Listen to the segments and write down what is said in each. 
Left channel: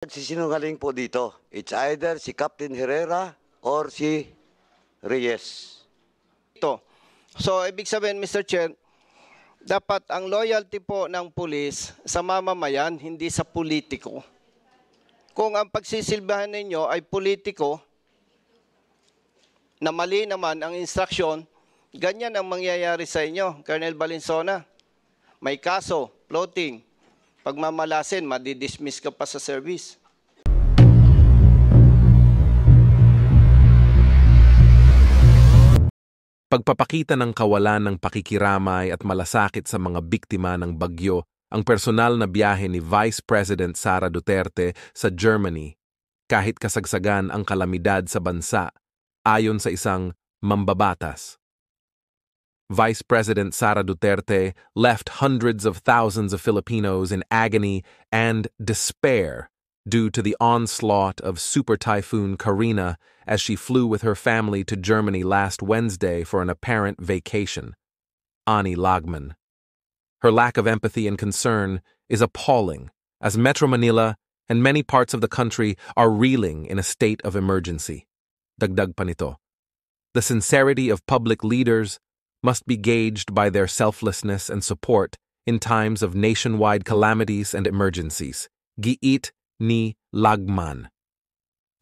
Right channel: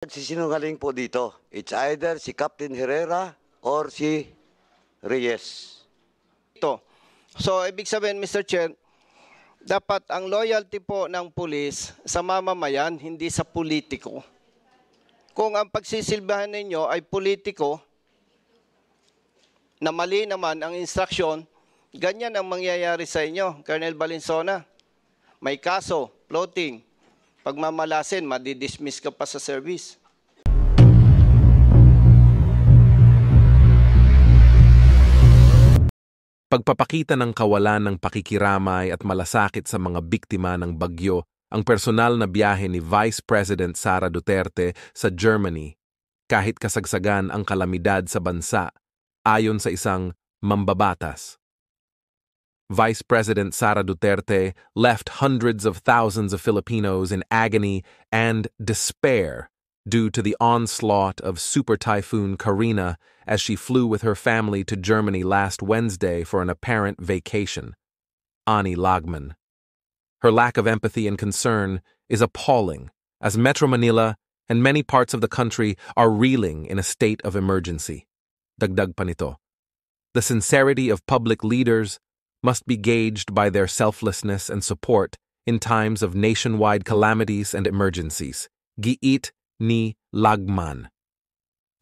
Nagsisinungaling po dito. It's either si Captain Herrera or si Reyes. Ito. So, ibig sabihin, Mr. Chair, dapat ang loyalty po ng pulis sa mamamayan, hindi sa politiko. Kung ang pagsisilbahan ninyo ay politiko, na mali naman ang instruksyon, ganyan ang mangyayari sa inyo, Colonel Valenzuela. May kaso, floating, pagmamalasin, madidismiss ka pa sa service. Pagpapakita ng kawalan ng pakikiramay at malasakit sa mga biktima ng bagyo, ang personal na biyahe ni Vice President Sara Duterte sa Germany, kahit kasagsagan ang kalamidad sa bansa, ayon sa isang mambabatas. Vice President Sara Duterte left hundreds of thousands of Filipinos in agony and despair due to the onslaught of Super Typhoon Karina as she flew with her family to Germany last Wednesday for an apparent vacation. Ani Lagman. Her lack of empathy and concern is appalling, as Metro Manila and many parts of the country are reeling in a state of emergency. Dagdag pa nito. The sincerity of public leaders must be gauged by their selflessness and support in times of nationwide calamities and emergencies. Giit ni Lagman.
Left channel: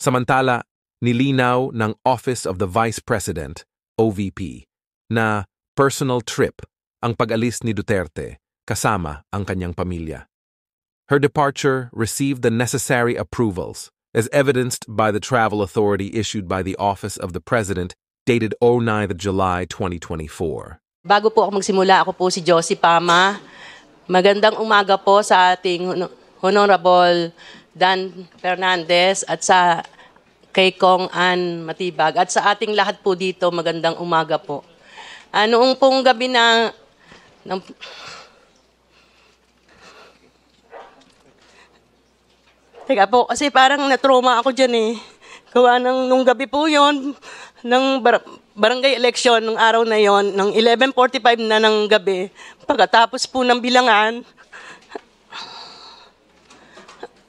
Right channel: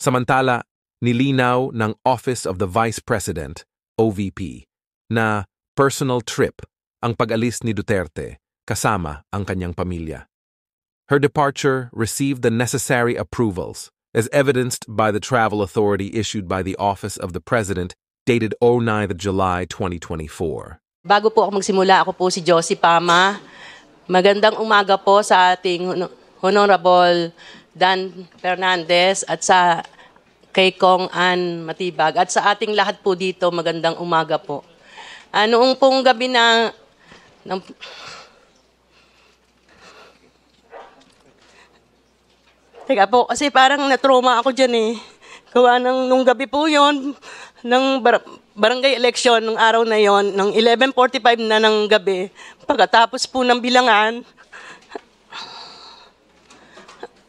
Samantala, nilinaw ng Office of the Vice President, OVP, na personal trip ang pag-alis ni Duterte kasama ang kanyang pamilya. Her departure received the necessary approvals, as evidenced by the travel authority issued by the Office of the President dated 09 July 2024. Bago po ako magsimula, ako po si Josie Pama. Magandang umaga po sa ating Honorable Dan Fernandez at sa kay Kong Ann Matibag at sa ating lahat po dito, magandang umaga po. Noong pong gabi na Teka po, kasi parang na-trauma ako dyan eh. So, nung gabi po yun, ng barangay election, nung araw na yon, ng 11:45 na ng gabi, pagkatapos po ng bilangan,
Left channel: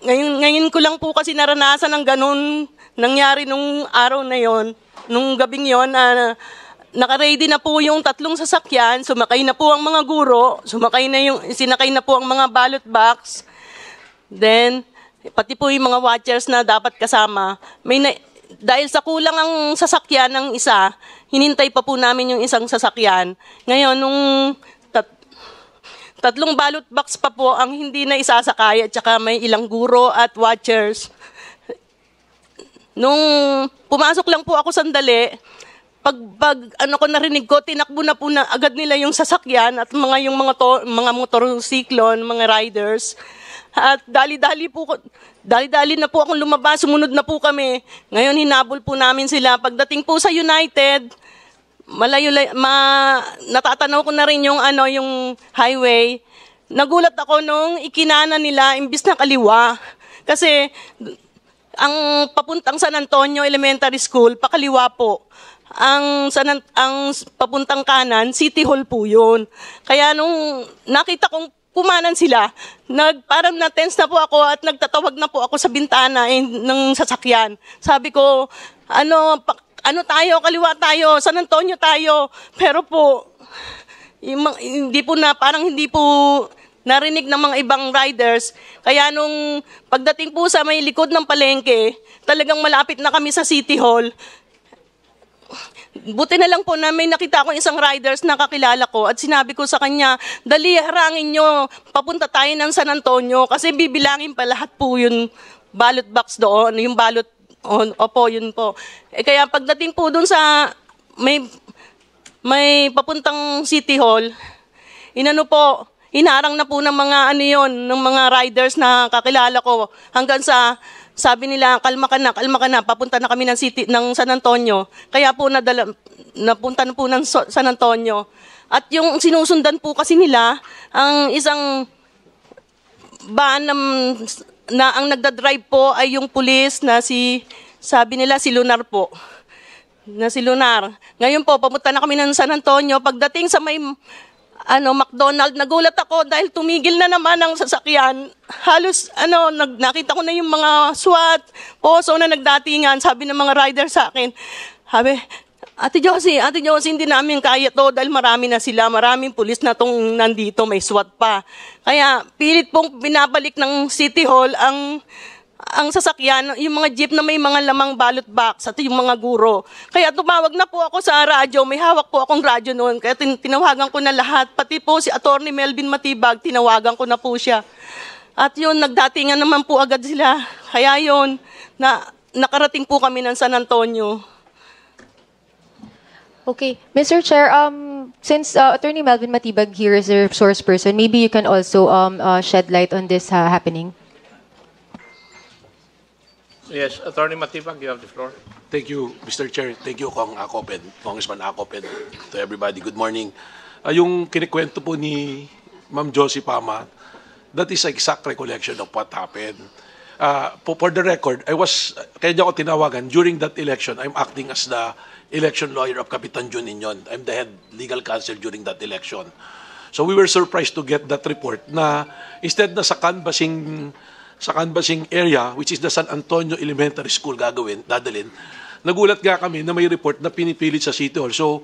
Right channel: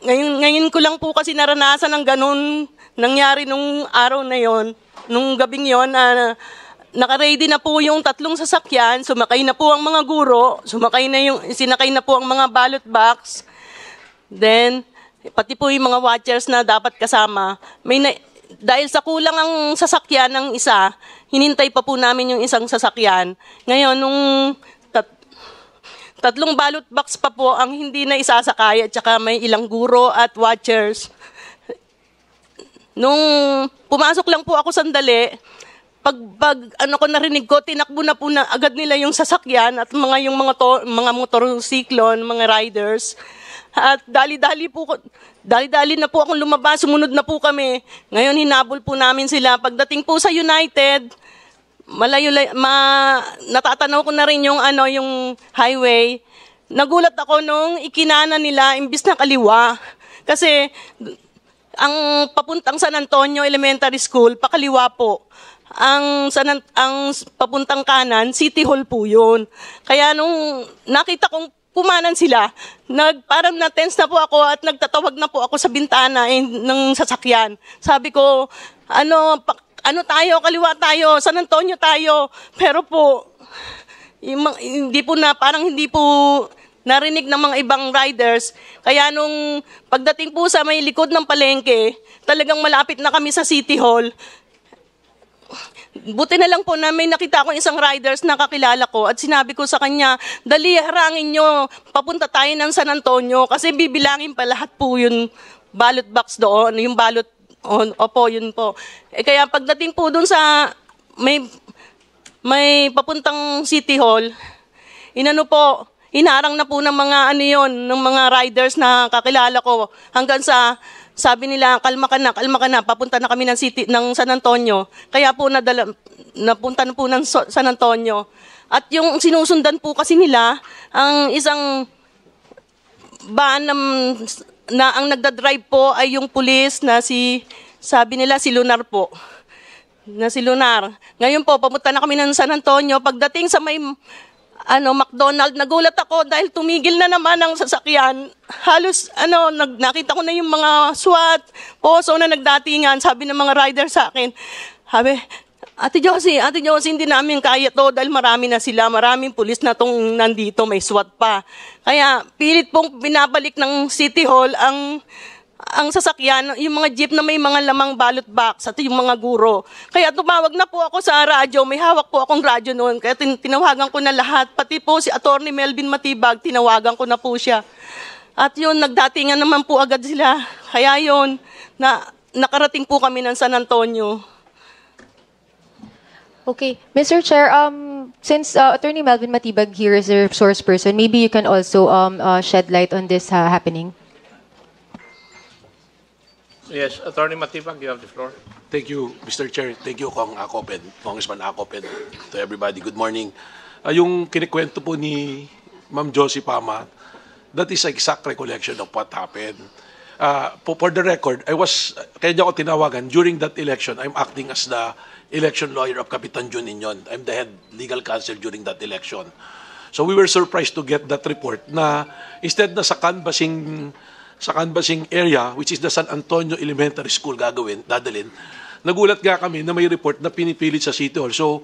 ngayon ko lang po kasi naranasan ng ganun, nangyari nung araw na yon, nung gabing yon, naka-ready na po yung 3 sasakyan, sumakay na po ang mga guro, sinakay na po ang mga ballot box, then, pati po yung mga watchers na dapat kasama, dahil sa kulang ang sasakyan ng isa, hinintay pa po namin yung isang sasakyan. Ngayon, nung 3 ballot box pa po ang hindi na isasakay at saka may ilang guro at watchers. Nung pumasok lang po ako sandali, pag narinig ko, tinakbo na po na agad nila yung sasakyan at yung mga motorsiklo, mga riders. At dali-dali na po akong lumabas, sumunod na po kami. Ngayon hinabol po namin sila. Pagdating po sa United, natatanaw ko na rin yung highway. Nagulat ako nung ikinana nila imbis na kaliwa. Kasi ang papuntang San Antonio Elementary School, pakaliwa po. Ang papuntang kanan, City Hall po yun. Kaya nung nakita kong pumanan sila, parang na-tense na po ako at nagtatawag na po ako sa bintana ng sasakyan. Sabi ko, tayo, kaliwa tayo, San Antonio tayo. Pero po, parang hindi po narinig ng mga ibang riders. Kaya nung pagdating po sa may likod ng palengke, talagang malapit na kami sa City Hall. Buti na lang po na may nakita ko isang riders na kakilala ko at sinabi ko sa kanya, dali, harangin nyo, papunta tayo ng San Antonio kasi bibilangin pa lahat po yung ballot box doon, yung ballot, opo, yun po. Kaya pagdating po doon sa may papuntang City Hall, inaarang na po ng ng mga riders na kakilala ko hanggang sa sabi nila, kalma ka na, papunta na kami ng San Antonio. Kaya po napunta na po ng San Antonio. At yung sinusundan po kasi nila, ang isang van na ang nagtatrive po ay yung pulis na sabi nila si Lunar po. Ngayon po, papunta na kami ng San Antonio. Pagdating sa McDonald. Nagulat ako dahil tumigil na naman ang sasakyan. Halos, nakita ko na yung mga SWAT, POSO na nagdatingan. Sabi ng mga rider sa akin, sabi, Ate Josie, hindi namin kaya to dahil marami na sila. Maraming pulis na tong nandito, may SWAT pa. Kaya, pilit pong binabalik ng City Hall ang sasakyan, yung mga jeep na may mga lamang ballot box at yung mga guro. Kaya tumawag na po ako sa radyo, may hawak po akong radyo noon. Kaya tinawagan ko na lahat, pati po si Attorney Melvin Matibag, tinawagan ko na po siya. At yun, nagdatingan naman po agad sila. Kaya yun, nakarating po kami ng San Antonio. Okay. Mr. Chair, since Attorney Melvin Matibag here is your source person, maybe you can also shed light on this happening. Yes, Attorney Matibag, you have the floor. Thank you, Mr. Chair. Thank you, Congressman Acop, and to everybody. Good morning. Yung kinikwento po ni Ma'am Josie Pama, that is exact recollection of what happened. For the record, kaya niya ako tinawagan, during that election, I'm acting as the election lawyer of Capitan Jun Inyon. I'm the head legal counsel during that election. So we were surprised to get that report na instead na sa canvassing area, which is the San Antonio Elementary School dadalhin, nagulat nga kami na may report na pinipilit sa City Hall. So,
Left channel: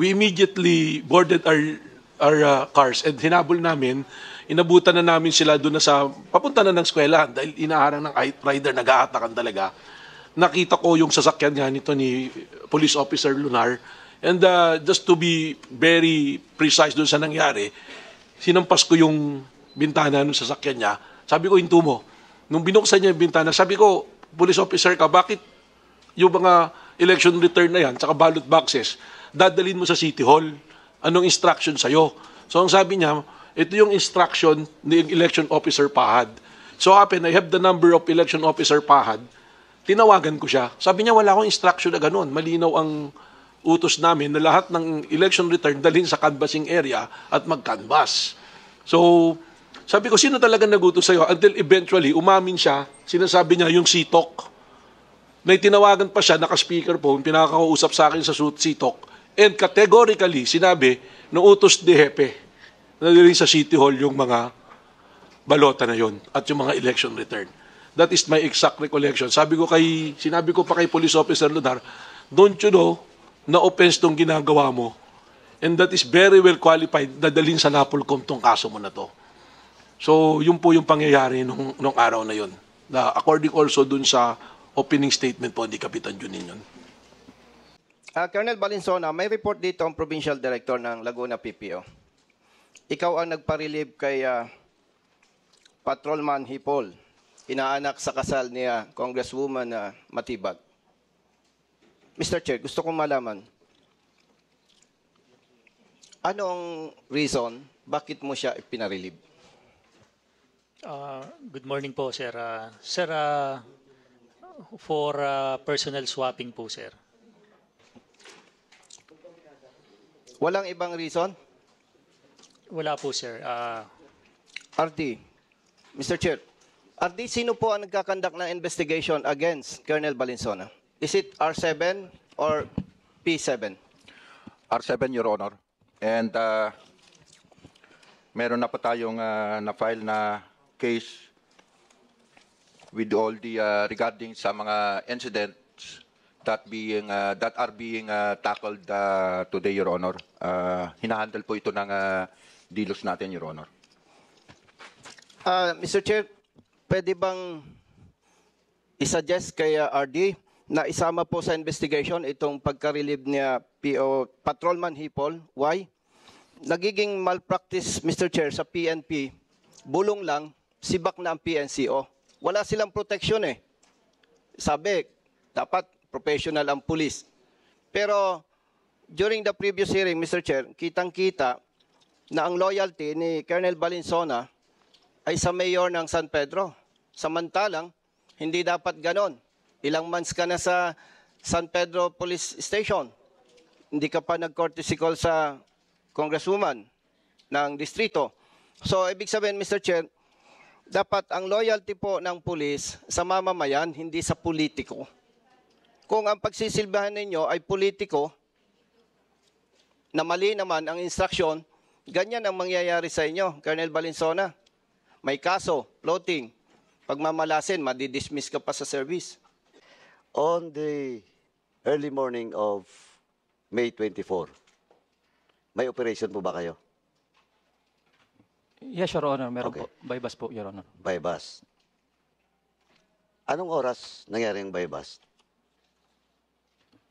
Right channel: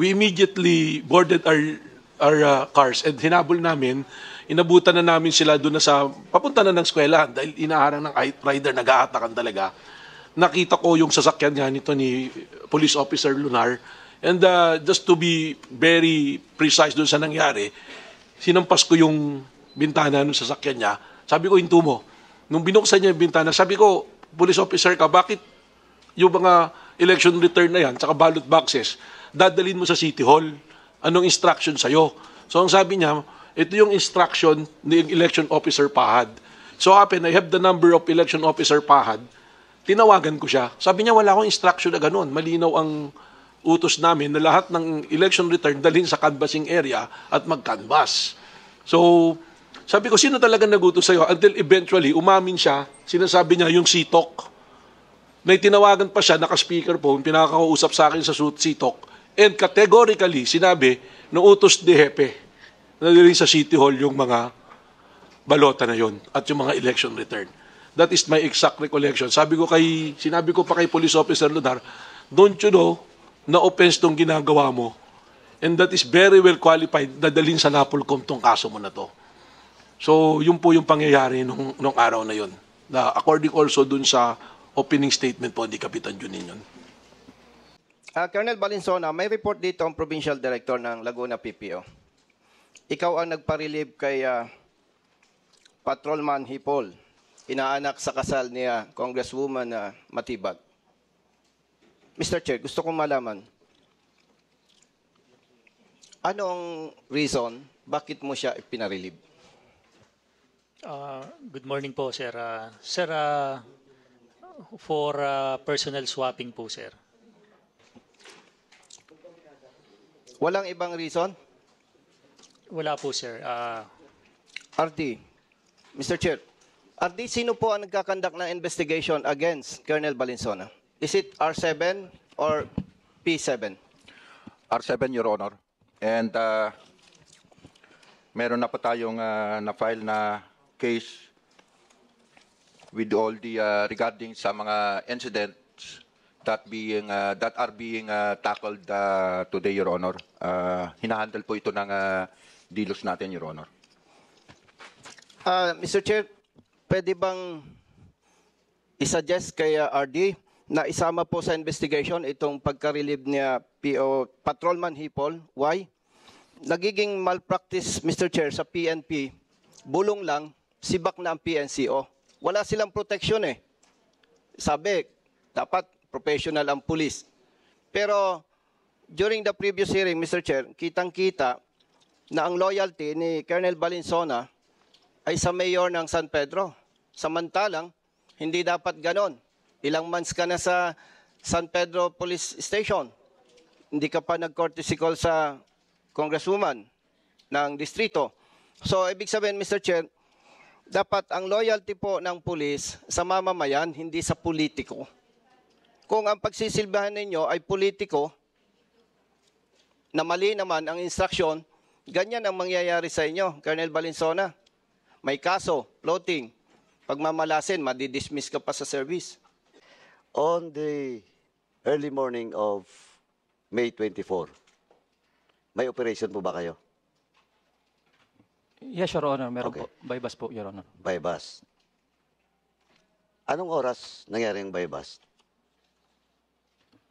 we immediately boarded our cars and hinabol namin, inabutan na namin sila doon papunta na ng eskwelahan dahil inaharang ng rider, nag-aatakan talaga. Nakita ko yung sasakyan nga nito ni Police Officer Lunar, and just to be very precise doon sa nangyari, sinampas ko yung bintana ng sasakyan niya. Sabi ko, hinto mo. Nung binuksan niya yung bintana, sabi ko, police officer ka, bakit yung mga election return na yan, tsaka ballot boxes, dadalhin mo sa City Hall? Anong instruction sa'yo? So, ang sabi niya, ito yung instruction ng election officer Pahad. So, I have the number of election officer Pahad. Tinawagan ko siya. Sabi niya, wala akong instruction na ganun. Malinaw ang utos namin na lahat ng election return dalhin sa canvassing area at mag-canvass. So, sabi ko, sino talaga nagutos sa'yo? Until eventually, umamin siya, sinasabi niya yung CTOC. May tinawagan pa siya, naka-speakerphone, pinakakausap sa akin sa CTOC. And categorically, sinabi, utos ni Hepe. Nagawin sa City Hall yung mga balota na yon at yung mga election return. That is my exact recollection. Sinabi ko pa kay Police Officer Lunar, don't you know, na-offense tong ginagawa mo. And that is very well qualified na dalhin sa NAPOLCOM tong kaso mo na to. So, yun po yung pangyayari nung araw na yun. Na according also dun sa opening statement po ni Kapitan Juningan. Colonel Balinsona, may report dito ang Provincial Director ng Laguna PPO. Ikaw ang nagpa-relieve kay Patrolman Hipol, inaanak sa kasal ni Congresswoman Matibag. Mr. Chair, gusto kong malaman, anong reason bakit mo siya ipinarelieve? Good morning po, sir. Sir, for personal swapping po, sir. Walang ibang reason? Wala po, sir. RD, Mr. Chair, RD, sino po ang nagkakandak ng investigation against Colonel Balinsona? Is it R7 or P7? R7, Your Honor. And meron na po tayong na-file na case with all the regarding sa mga incidents that are being tackled today, Your Honor. Hinahandle po ito ng dilos natin, Your Honor. Mr. Chair, pwede bang isuggest kay RD na isama po sa investigation itong pagka-relieve niya PO Patrolman Hipol? Why? Nagiging malpractice, Mr. Chair, sa PNP, bulong lang, sibak na ang PNCO. Wala silang protection eh. Sabi, dapat professional ang police. Pero during the previous hearing, Mr. Chair, kitang-kita na ang loyalty ni Colonel Balinsona ay sa mayor ng San Pedro. Samantalang, hindi dapat ganon. Ilang months ka na sa San Pedro Police Station. Hindi ka pa nag-courtesy call sa Congresswoman ng distrito. So, ibig sabihin, Mr. Chair, dapat ang loyalty po ng pulis sa mamamayan, hindi sa politiko. Kung ang pagsisilbahan ninyo ay politiko, na mali naman ang instruction, Ganyan ang mangyayari sa inyo, Colonel Valenzuela. May kaso, floating. Pag mamalasin, madidismiss ka pa sa service. On the early morning of May 24, may operation po ba kayo? Yes, Your Honor. Meron po. By bus po, Your Honor. By bus. Anong oras nangyari ang by bus?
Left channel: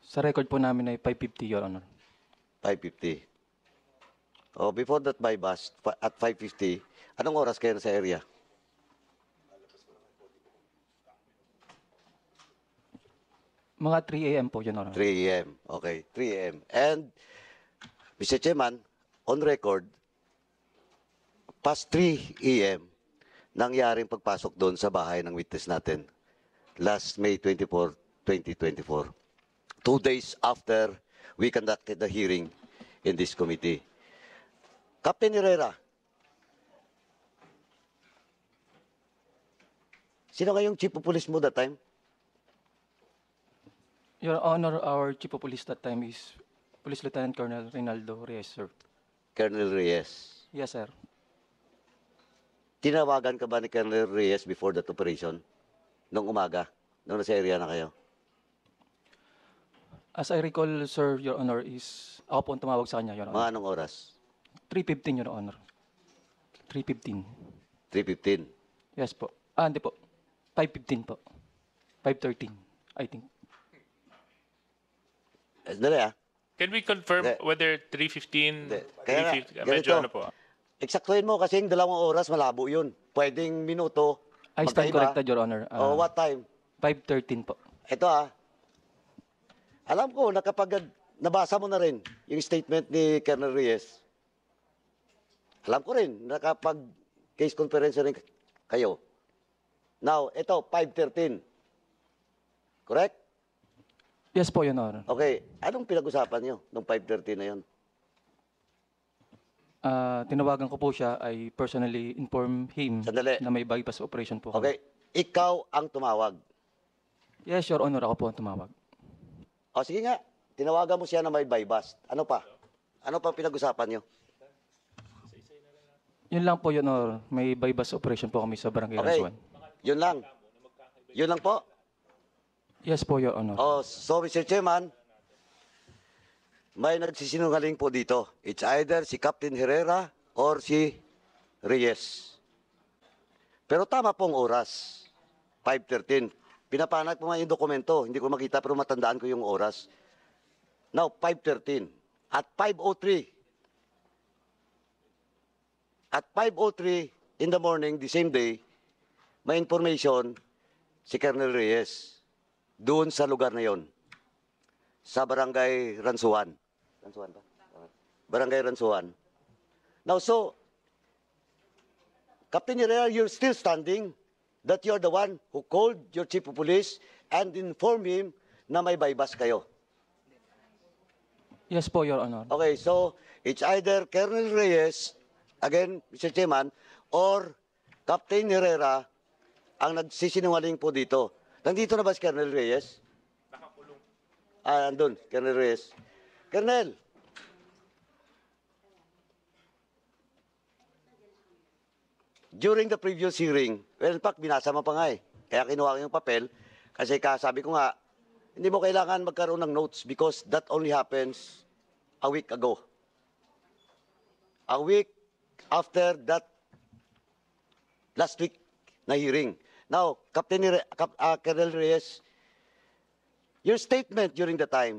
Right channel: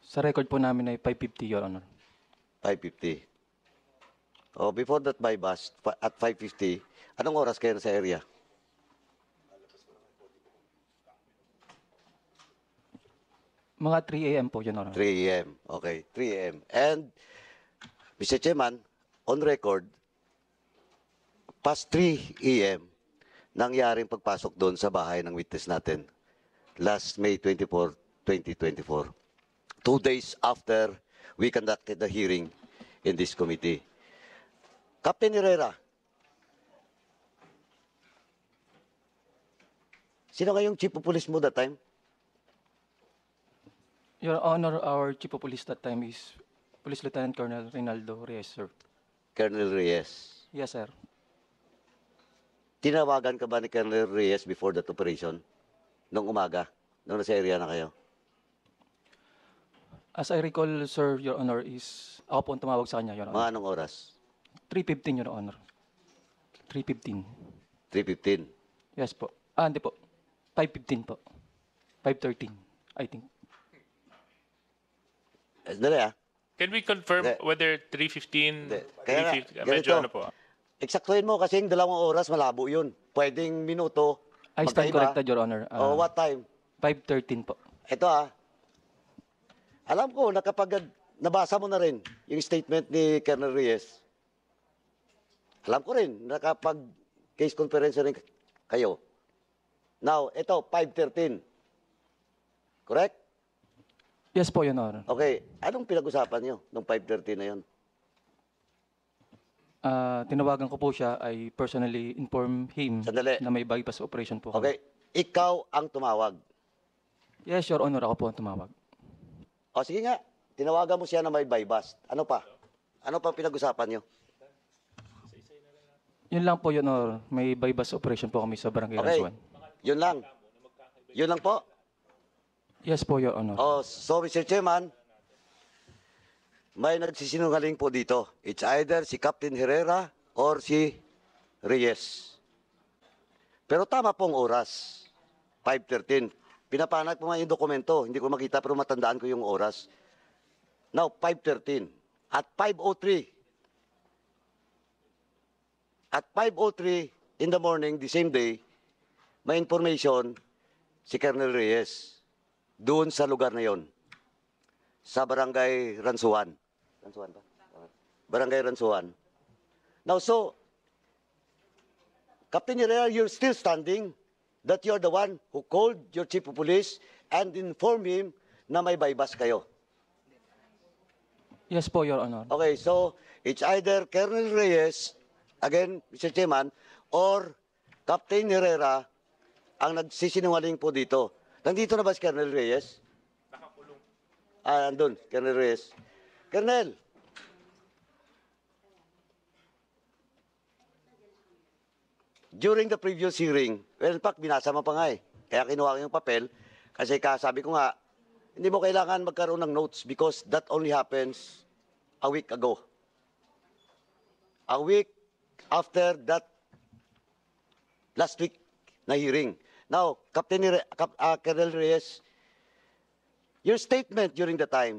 Sa record po namin ay 5:50, Your Honor. 5:50. Oh, before that by bus, at 5:50, anong oras kayo sa area? Mga 3 a.m. po, Your Honor. 3 a.m. Okay, 3 a.m. And, Mr. Chairman, on record, past 3 a.m., nangyaring pagpasok doon sa bahay ng witness natin last May 24, 2024. 2 days after we conducted the hearing in this committee. Captain Herrera, sino kayong chief of police mo that time? Your Honor, our Chief of Police that time is Police Lieutenant Colonel Reynaldo Reyes, sir. Colonel Reyes. Yes, sir. Tinawagan ka ba ni Colonel Reyes before that operation? Noong umaga? Noong nasa area na kayo? As I recall, sir, Your Honor, is ako po ang tumawag sa kanya, Your Honor. Mga anong oras? 3:15, Your Honor. 3:15. 3:15. Yes po. Hindi po. 5:15 po. 5:13, I think. Dali ah. Can we confirm Hindi. whether 3:15, Kaya 3:50, nga, medyo ganito. ano po? Eksaktuhin mo kasi yung 2 oras malabo yun. Pwedeng minuto. I stand magkaiba. corrected, Your Honor. O what time? 5:13 po. Ito ah. Alam ko na kapag nabasa mo na rin yung statement ni Colonel Reyes. Alam ko rin na kapag case conference rin kayo. Now, ito, 5:13. Correct? Yes po, Your Honor. Okay. Anong pinag-usapan nyo nung 5:30 na yun? Tinawagan ko po siya, I personally inform him Sandali. na may bypass operation po. Okay. Ikaw ang tumawag. Yes, Your Honor, ako po ang tumawag. O sige nga. Tinawagan mo siya na may bypass. Ano pa? Ano pa pinag-usapan nyo? Yun lang po, Your Honor. May bypass operation po kami sa Barangay Okay. Ransuan. Yun lang. Yun lang po. Yes po, Your Honor. Oh, so Mr. Chairman, may nagsisinungaling po dito. It's either si Captain Herrera or si Reyes. Pero tama pong oras. 5:13. Pinapanat ko nga yung dokumento. Hindi ko makita pero matandaan ko yung oras. Now, 5:13. At 5:03. At 5:03 in the morning, the same day, may information si Colonel Reyes doon sa lugar na yon. Sa Barangay Ransuan. Barangay Ransuan. Now, so, Captain Herrera, you're still standing that you're the one who called your chief of police and informed him na may bypass kayo. Yes po, Your Honor. Okay, so, it's either Colonel Reyes, again, Mr. Chairman, or Captain Herrera ang nagsisinungaling po dito. Nandito na ba si Colonel Reyes? Andun, Colonel Reyes. Colonel! During the previous hearing, in fact, binasa mo pa nga eh. Kaya kinuha ko yung papel. Kasi kasabi ko nga, hindi mo kailangan magkaroon ng notes because that only happens a week ago. A week after that last week na hearing. Now, Colonel Reyes, your statement during the time